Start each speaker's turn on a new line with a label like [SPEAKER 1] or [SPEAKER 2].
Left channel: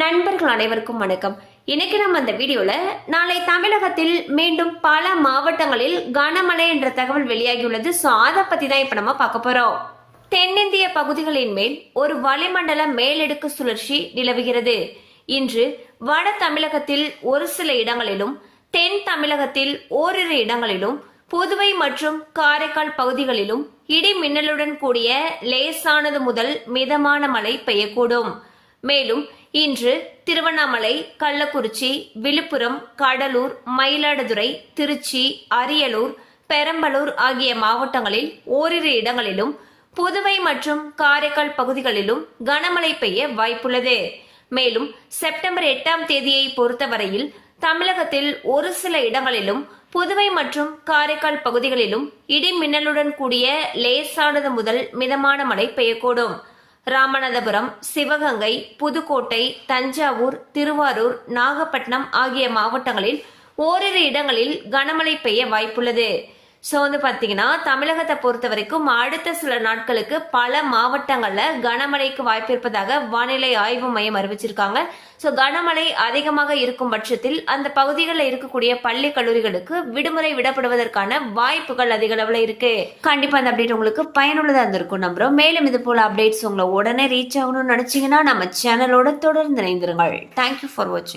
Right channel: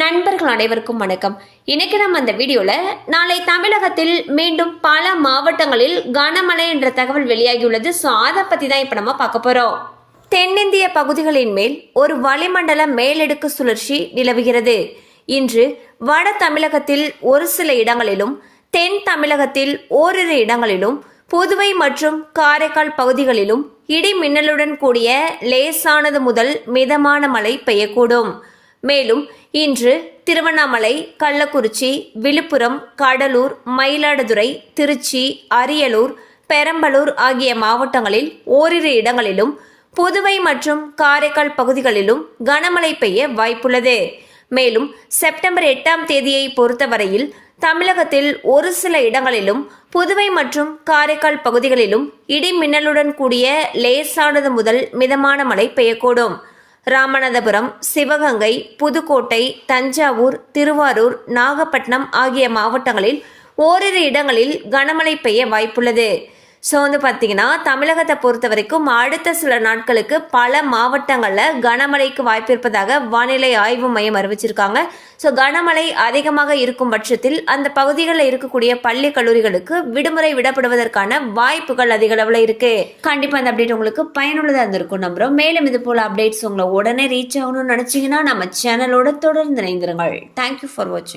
[SPEAKER 1] நண்பர்கள் அனைவருக்கும் வணக்கம். இன்னைக்கு நம்ம அந்த வீடியோல நாளை தமிழகத்தில் மீண்டும் பல மாவட்டங்களில் கனமழை என்ற தகவல் வெளியாகியுள்ளது. ஸோ அதை பத்தி தான் இப்போ நம்ம பார்க்க போறோம். தென்னிந்திய பகுதிகளின் மேல் ஒரு வளிமண்டல மேலடுக்கு சுழற்சி நிலவுகிறது. இன்று வட தமிழகத்தில் ஒரு சில இடங்களிலும் தென் தமிழகத்தில் ஓரிரு இடங்களிலும் புதுவை மற்றும் காரைக்கால் பகுதிகளிலும் இடி மின்னலுடன் கூடிய லேசானது முதல் மிதமான மழை பெய்யக்கூடும். மேலும் இன்று திருவண்ணாமலை கள்ளக்குறிச்சி விழுப்புரம் கடலூர் மயிலாடுதுறை திருச்சி அரியலூர் பெரம்பலூர் ஆகிய மாவட்டங்களில் ஓரிரு இடங்களிலும் புதுவை மற்றும் காரைக்கால் பகுதிகளிலும் கனமழை பெய்ய வாய்ப்புள்ளது. மேலும் செப்டம்பர் எட்டாம் தேதியை பொறுத்தவரையில் தமிழகத்தில் ஒரு சில இடங்களிலும் புதுவை மற்றும் காரைக்கால் பகுதிகளிலும் இடி மின்னலுடன் கூடிய லேசானது முதல் மிதமான மழை பெய்யக்கூடும். ராமநாதபுரம் சிவகங்கை புதுக்கோட்டை தஞ்சாவூர் திருவாரூர் நாகப்பட்டினம் ஆகிய மாவட்டங்களில் ஓரிரு இடங்களில் கனமழை பெய்ய வாய்ப்புள்ளது. ஸோ வந்து பார்த்தீங்கன்னா தமிழகத்தை பொறுத்த வரைக்கும் அடுத்த சில நாட்களுக்கு பல மாவட்டங்களில் கனமழைக்கு வாய்ப்பு இருப்பதாக வானிலை ஆய்வு மையம் அறிவிச்சிருக்காங்க. ஸோ கனமழை அதிகமாக இருக்கும் பட்சத்தில் அந்த பகுதிகளில் இருக்கக்கூடிய பள்ளி கல்லூரிகளுக்கு விடுமுறை விடப்படுவதற்கான வாய்ப்புகள் அதிக அளவில் இருக்கு. கண்டிப்பாக அந்த அப்டேட் உங்களுக்கு பயனுள்ளதாக இருந்திருக்கும் நம்புறோம். மேலும் இது போல அப்டேட்ஸ் உங்களை உடனே ரீச் ஆகணும்னு நினச்சிங்கன்னா நம்ம சேனலோட தொடர்ந்து இணைந்திருங்கள். தேங்க்யூ ஃபார் வாட்சிங்